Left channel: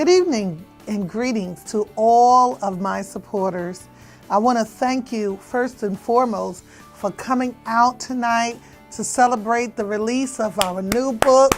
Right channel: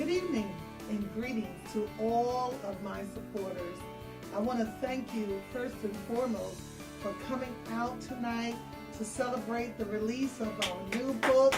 Good evening and greetings to all of my supporters. I want to thank you first and foremost for coming out tonight to celebrate the release of our new book,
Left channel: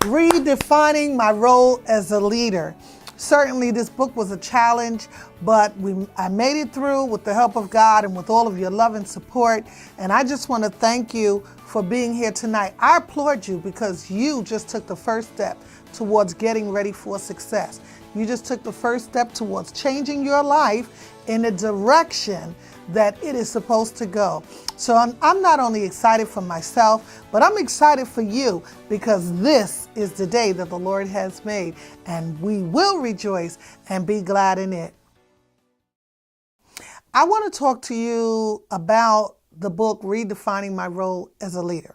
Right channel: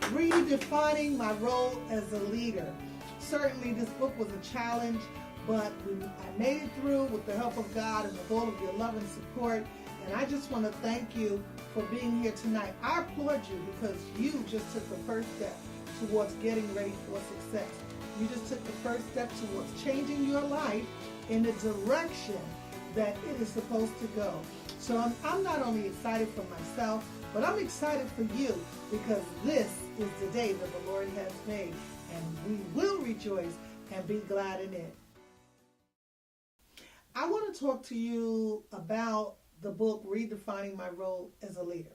Redefining My Role as a Leader. Certainly this book was a challenge, but I made it through with the help of God and with all of your love and support. And I just want to thank you for being here tonight. I applaud you because you just took the first step towards getting ready for success. You just took the first step towards changing your life in the direction that it is supposed to go. So I'm not only excited for myself, but I'm excited for you because this is the day that the Lord has made, and we will rejoice and be glad in it. I want to talk to you about the book, Redefining My Role as a Leader.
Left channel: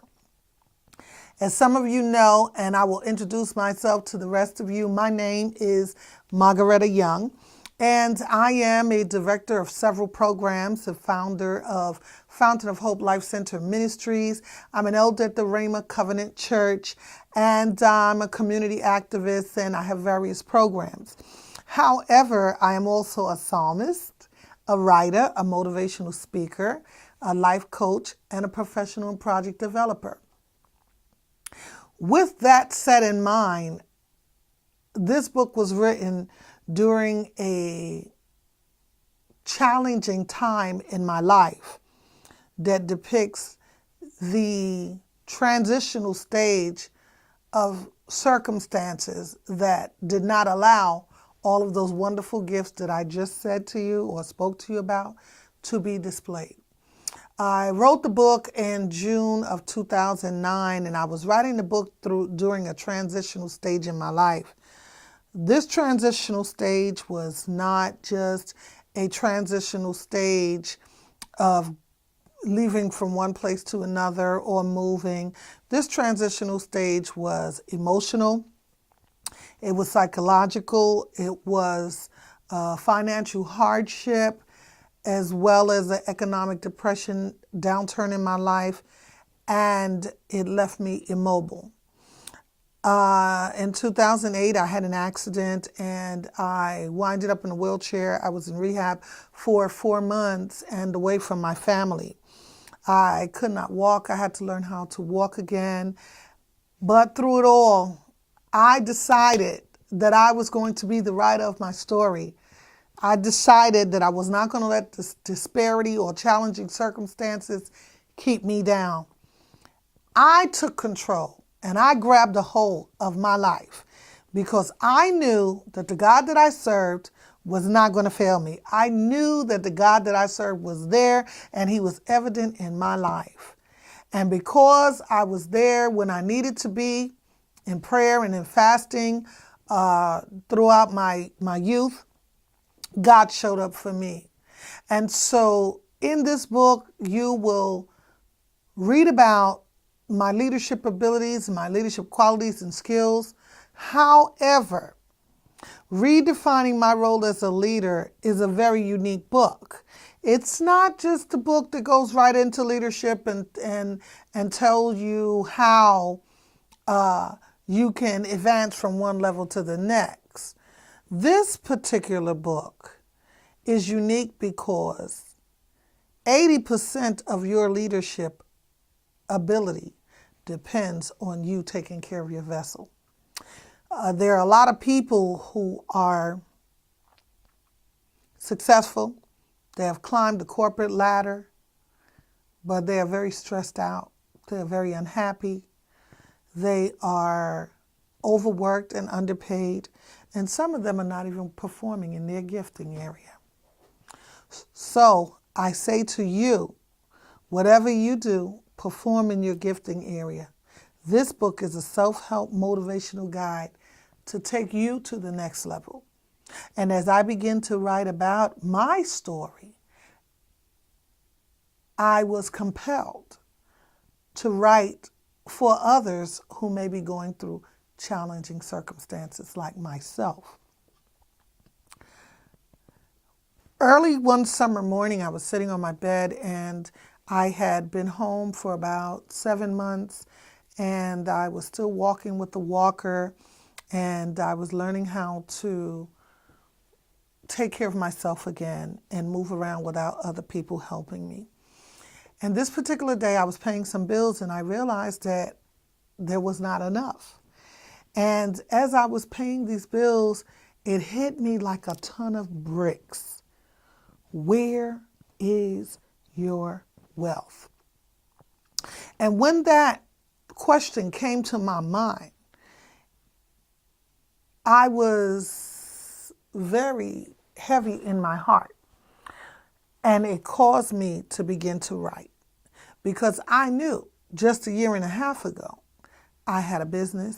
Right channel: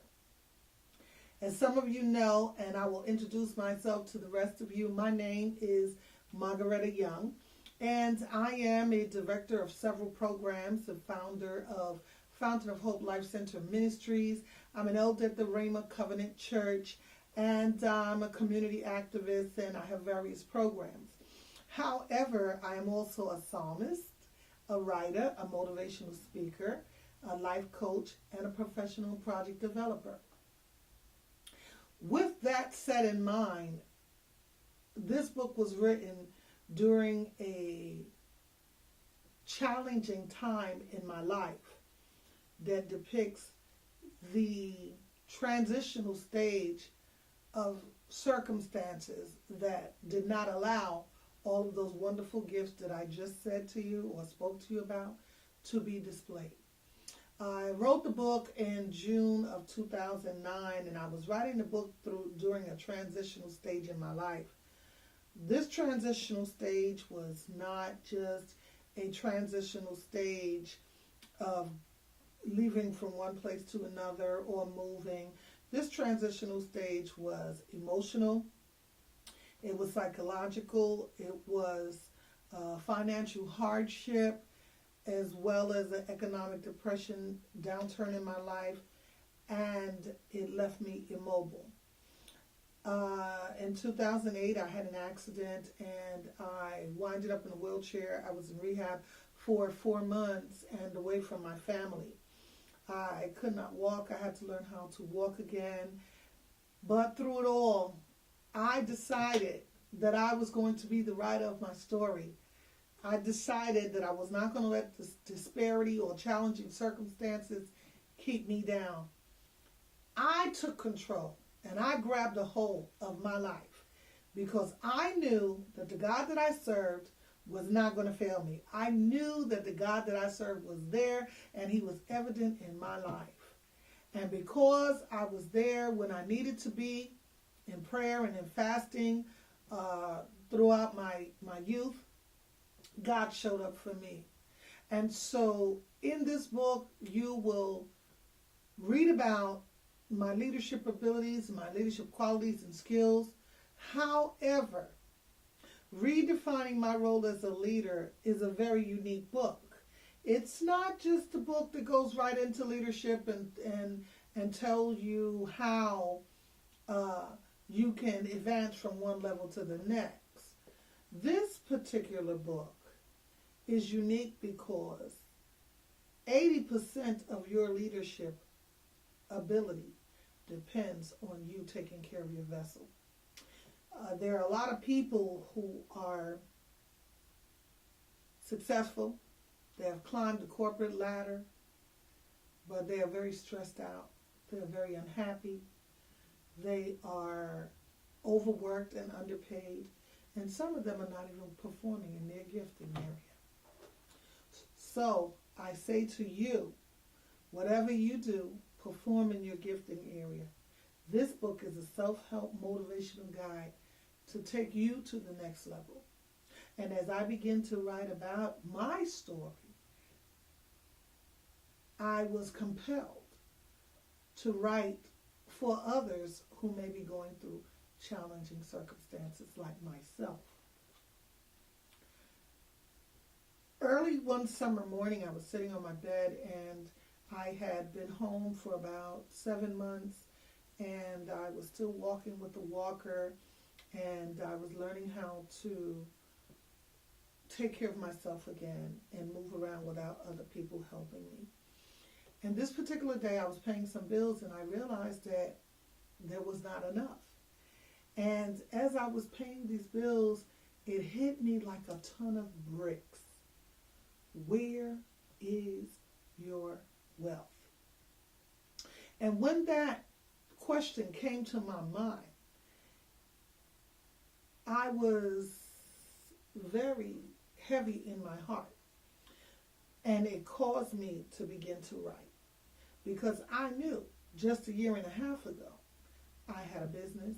As some of you know, and I will introduce myself to the rest of you, my name is Margaretta Young, and I am a director of several programs, the founder of Fountain of Hope Life Center Ministries. I'm an elder at the Rhema Covenant Church, and I'm a community activist, and I have various programs. However, I am also a psalmist, a writer, a motivational speaker, a life coach, and a professional and project developer. With that set in mind, this book was written during a challenging time in my life that depicts the transitional stage of circumstances that did not allow all of those wonderful gifts that I just said to you or spoke to you about to be displayed. I wrote the book in June of 2009, and I was writing the book during a transitional stage in my life. This transitional stage was not just a transitional stage of leaving from one place to another or moving. This transitional stage was emotional, it was psychological, it was financial hardship, as well as an economic depression downturn in my life, and it left me immobile. In 2008, I had an accident and I winded up in a wheelchair. I was in rehab for 4 months and away from my family. I could not walk. I had to learn how to walk again. But through it all, I decided that I was going to be the writer of my story. I decided that I was not going to let this disparity or challenging circumstances keep me down. I took control and I grabbed a hold of my life because I knew that the God that I served was not going to fail me. I knew that the God that I served was there and he was evident in my life. And because I was there when I needed to be in prayer and in fasting throughout my youth, God showed up for me. And so in this book, you will read about my leadership abilities, my leadership qualities and skills. However, Redefining My Role as a Leader is a very unique book. It's not just a book that goes right into leadership and tells you how you can advance from one level to the next. This particular book is unique because 80% of your leadership ability depends on you taking care of your vessel. There are a lot of people who are successful. They have climbed the corporate ladder, but they are very stressed out. They're very unhappy. They are overworked and underpaid. And some of them are not even performing in their gifting area. So I say to you, whatever you do, perform in your gifting area. This book is a self-help motivational guide to take you to the next level. And as I begin to write about my story, I was compelled to write for others who may be going through challenging circumstances like myself. Early one summer morning, I was sitting on my bed and I had been home for about 7 months and I was still walking with the walker and I was learning how to take care of myself again and move around without other people helping me. And this particular day, I was paying some bills, and I realized that there was not enough. And as I was paying these bills, it hit me like a ton of bricks. Where is your wealth? And when that question came to my mind, I was very heavy in my heart. And it caused me to begin to write, because I knew just a year and a half ago, I had a business,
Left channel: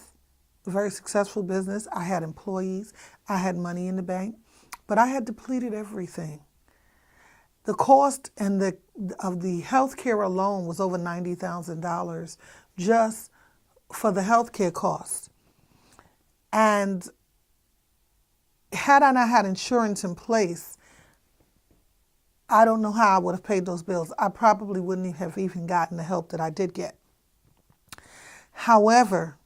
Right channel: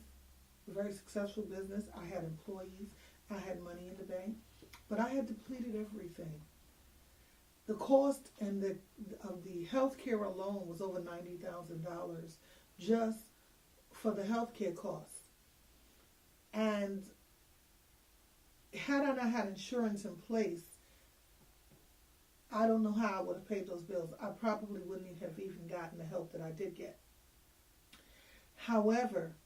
a very successful business. I had employees. I had money in the bank, but I had depleted everything. The cost of the health care alone was over $90,000 just for the health care costs. And had I not had insurance in place, I don't know how I would have paid those bills. I probably wouldn't have even gotten the help that I did get. However,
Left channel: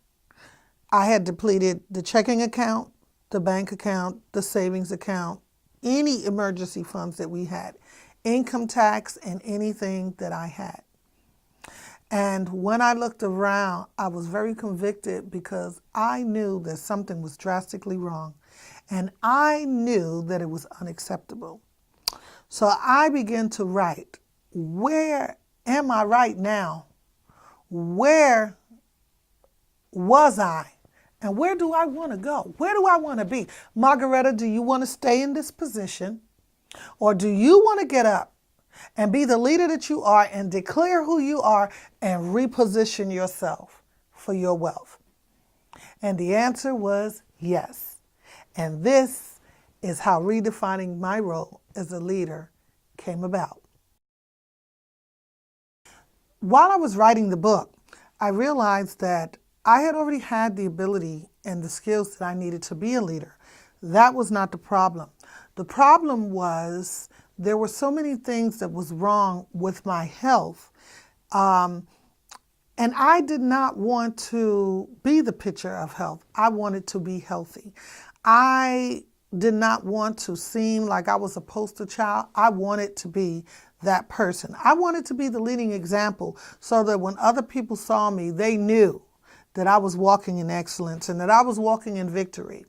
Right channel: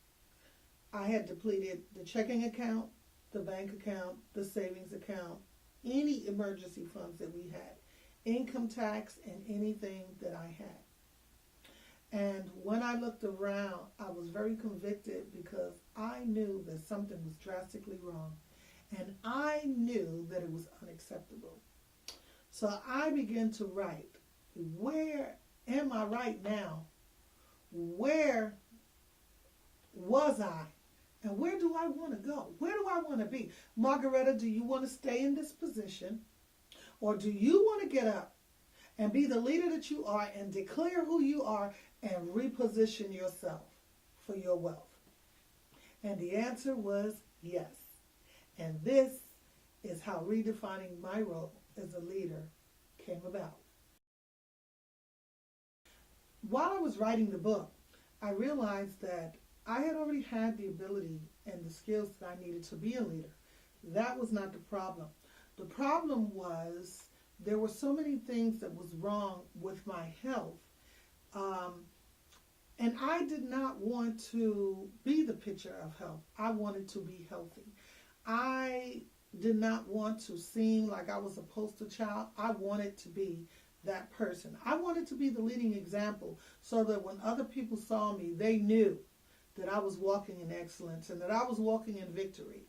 I had depleted the checking account, the bank account, the savings account, any emergency funds that we had, income tax, and anything that I had. And when I looked around, I was very convicted, because I knew that something was drastically wrong, and I knew that it was unacceptable. So I began to write, where am I right now? Where was I? And where do I want to go? Where do I want to be? Margaretta, do you want to stay in this position? Or do you want to get up and be the leader that you are and declare who you are and reposition yourself for your wealth? And the answer was yes. And this is how redefining my role as a leader came about. While I was writing the book, I realized that I had already had the ability and the skills that I needed to be a leader. That was not the problem. The problem was there were so many things that was wrong with my health, and I did not want to be the picture of health. I wanted to be healthy. I did not want to seem like I was a poster child. I wanted to be that person. I wanted to be the leading example, so that when other people saw me, they knew that I was walking in excellence and that I was walking in victory.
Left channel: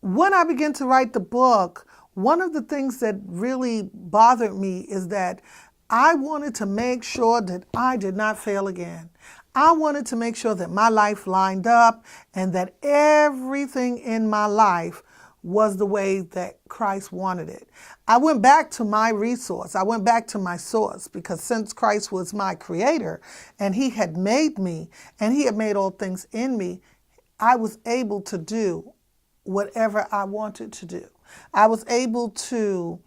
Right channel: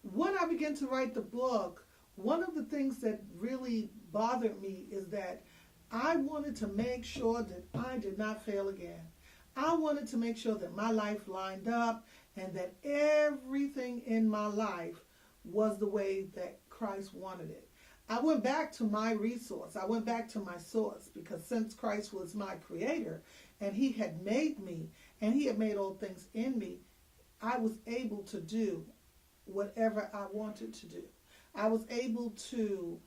When I began to write the book, one of the things that really bothered me is that I wanted to make sure that I did not fail again. I wanted to make sure that my life lined up and that everything in my life was the way that Christ wanted it. I went back to my resource. I went back to my source, because since Christ was my creator and he had made me and he had made all things in me, I was able to do whatever I wanted to do. I was able to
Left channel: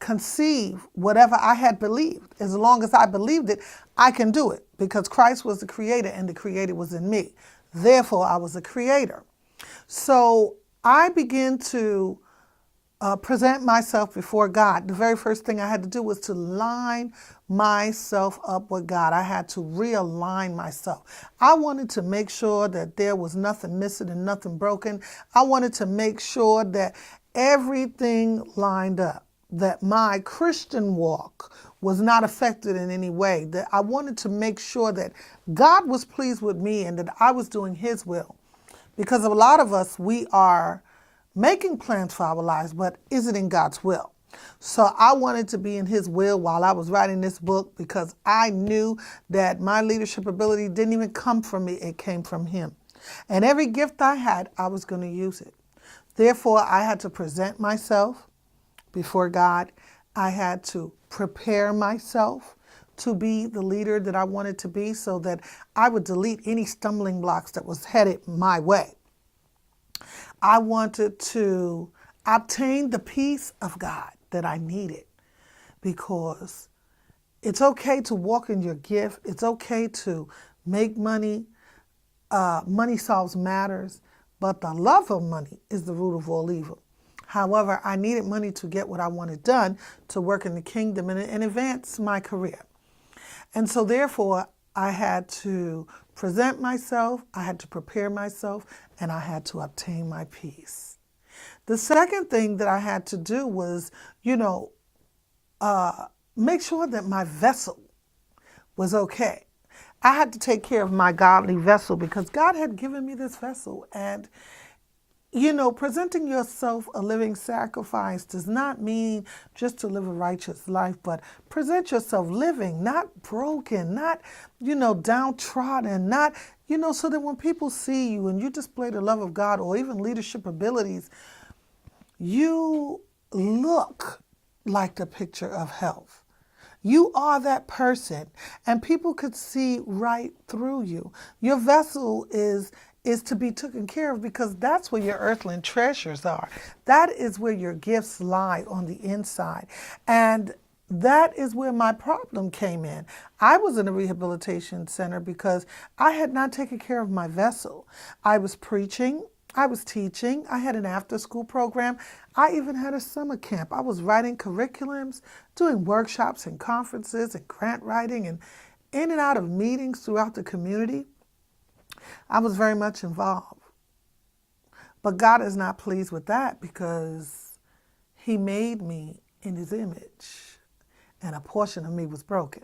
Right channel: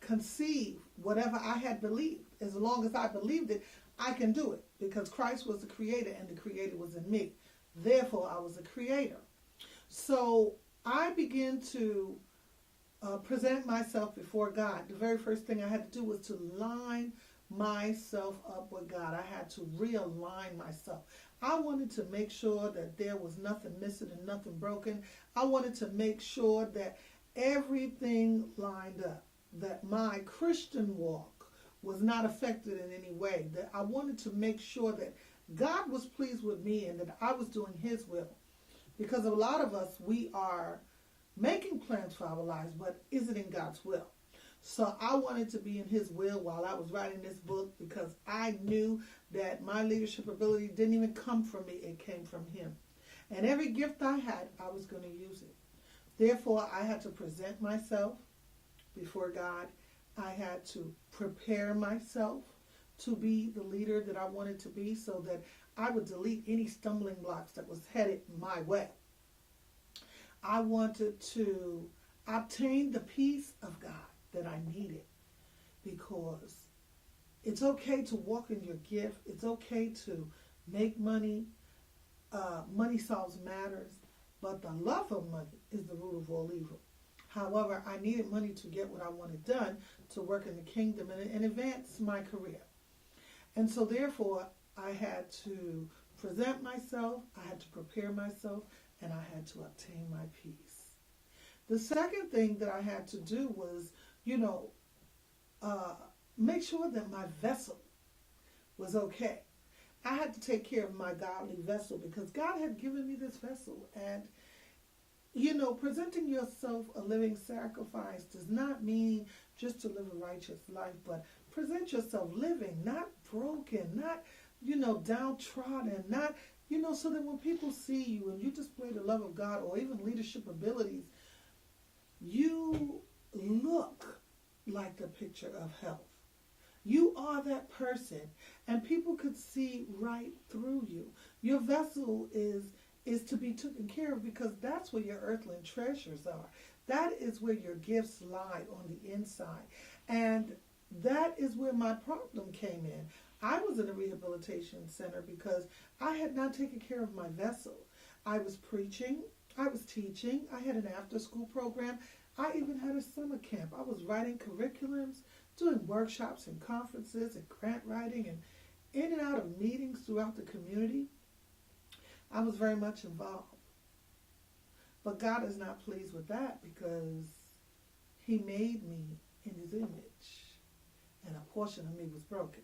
conceive whatever I had believed. As long as I believed it, I can do it, because Christ was the creator and the creator was in me. Therefore, I was a creator. So I began to present myself before God. The very first thing I had to do was to line myself up with God. I had to realign myself. I wanted to make sure that there was nothing missing and nothing broken. I wanted to make sure that everything lined up, that my Christian walk was not affected in any way, that I wanted to make sure that God was pleased with me and that I was doing his will. Because a lot of us, we are making plans for our lives, but is it in God's will? So I wanted to be in his will while I was writing this book, because I knew that my leadership ability didn't even come from me, it came from him. And every gift I had, I was going to use it. Therefore, I had to present myself before God. I had to prepare myself to be the leader that I wanted to be, so that I would delete any stumbling blocks that was headed my way. I wanted to obtain the peace of God that I needed, because it's okay to walk in your gift. It's okay to make money. Money solves matters, but the love of money is the root of all evil. However, I needed money to get what I wanted done, to work in the kingdom and advance my career. And so therefore, I had to present myself, I had to prepare myself, and I had to obtain my peace. The second thing that I had to do was, make sure that my vessel was okay. I had to take care of my godly vessel because God had given me this vessel. And, presenting yourself a living sacrifice does not mean just to live a righteous life, but present yourself living, not broken, not, downtrodden, not, so that when people see you and you display the love of God or even leadership abilities, you look like the picture of health. You are that person, and people could see right through you. Your vessel is to be taken care of because that's where your earthly treasures are. That is where your gifts lie on the inside. And that is where my problem came in. I was in a rehabilitation center because I had not taken care of my vessel. I was preaching, I was teaching, I had an after-school program, I even had a summer camp. I was writing curriculums, doing workshops and conferences and grant writing and in and out of meetings throughout the community. I was very much involved. But God is not pleased with that because He made me in His image and a portion of me was broken.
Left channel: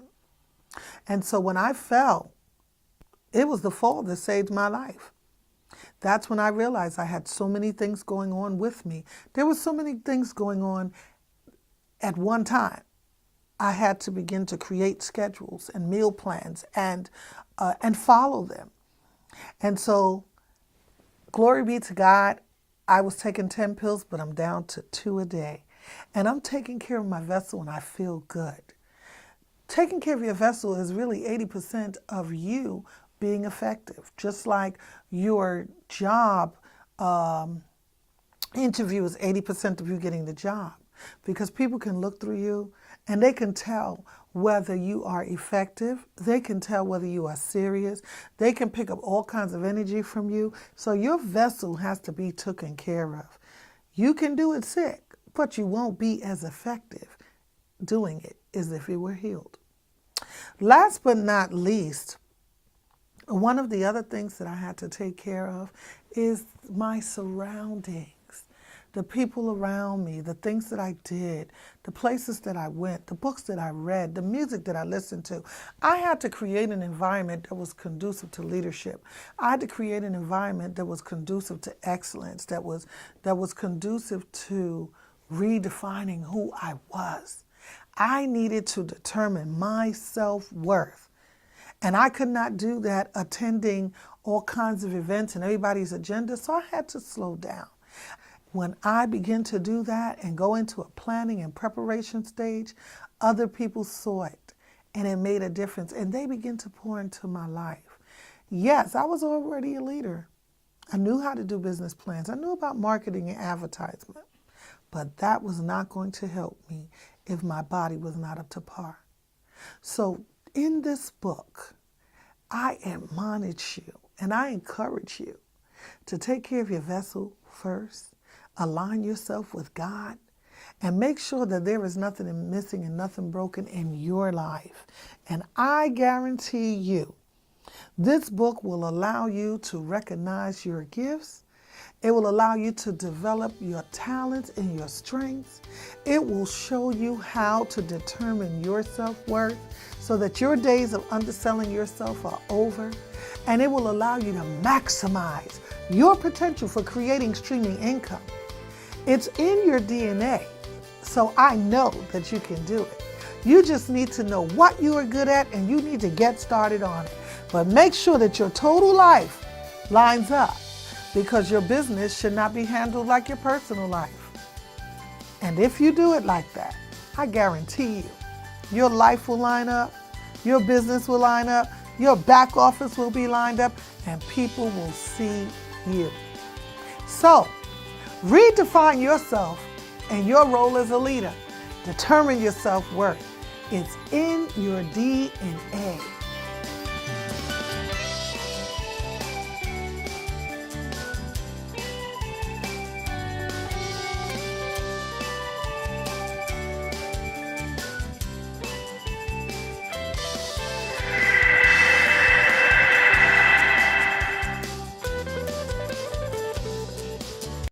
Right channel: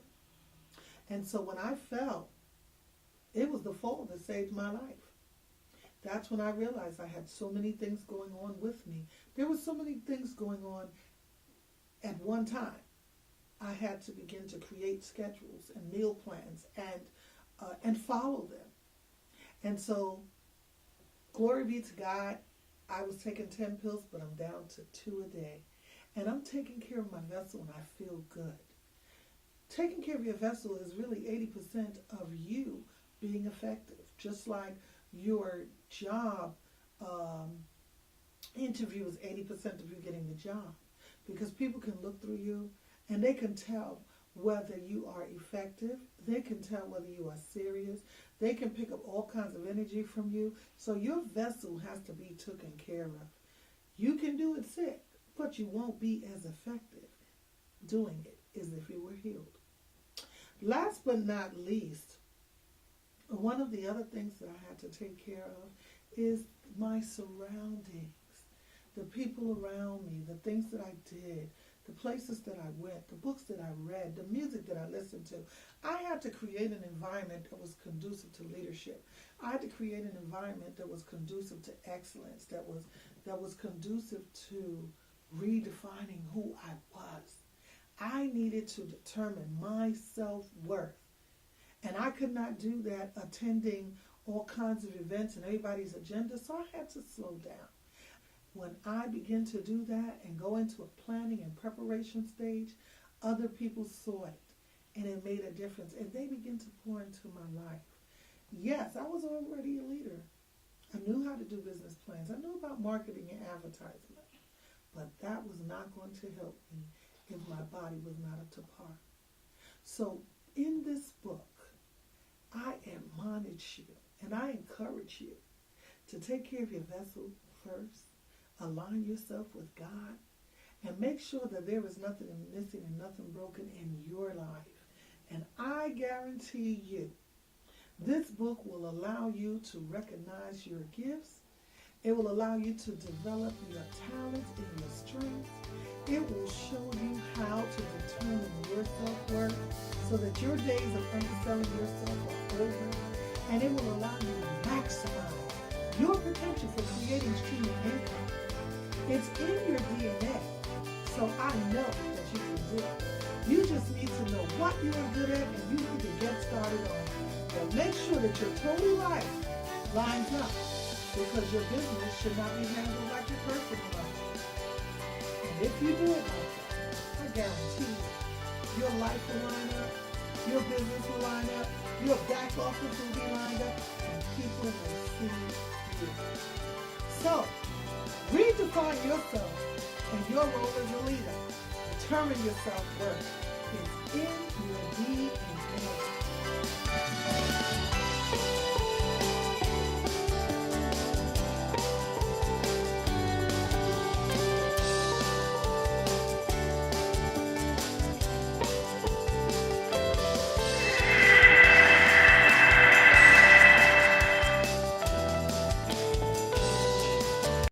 And so when I fell, it was the fall that saved my life. That's when I realized I had so many things going on with me. There were so many things going on at one time. I had to begin to create schedules and meal plans and follow them. And so, glory be to God, I was taking 10 pills, but I'm down to 2 a day. And I'm taking care of my vessel and I feel good. Taking care of your vessel is really 80% of you being effective, just like your job interview is 80% of you getting the job, because people can look through you and they can tell whether you are effective. They can tell whether you are serious. They can pick up all kinds of energy from you. So your vessel has to be taken care of. You can do it sick, but you won't be as effective doing it as if you were healed. Last but not least, one of the other things that I had to take care of is my surroundings, the people around me, the things that I did, the places that I went, the books that I read, the music that I listened to. I had to create an environment that was conducive to leadership. I had to create an environment that was conducive to excellence, that was conducive to redefining who I was. I needed to determine my self-worth. And I could not do that attending all kinds of events and everybody's agenda, so I had to slow down. When I began to do that and go into a planning and preparation stage, other people saw it and it made a difference and they began to pour into my life. Yes, I was already a leader. I knew how to do business plans. I knew about marketing and advertisement, but that was not going to help me if my body was not up to par. So in this book, I admonish you and I encourage you to take care of your vessel first, align yourself with God, and make sure that there is nothing missing and nothing broken in your life. And I guarantee you, this book will allow you to recognize your gifts. It will allow you to develop your talents and your strengths. It will show you how to determine your self-worth so that your days of underselling yourself are over. And it will allow you to maximize your potential for creating streaming income. It's in your DNA, so I know that you can do it. You just need to know what you are good at and you need to get started on it. But make sure that your total life lines up, because your business should not be handled like your personal life. And if you do it like that, I guarantee you, your life will line up, your business will line up, your back office will be lined up, and people will see you. So, redefine yourself and your role as a leader. Determine your self-worth. It's in your DNA.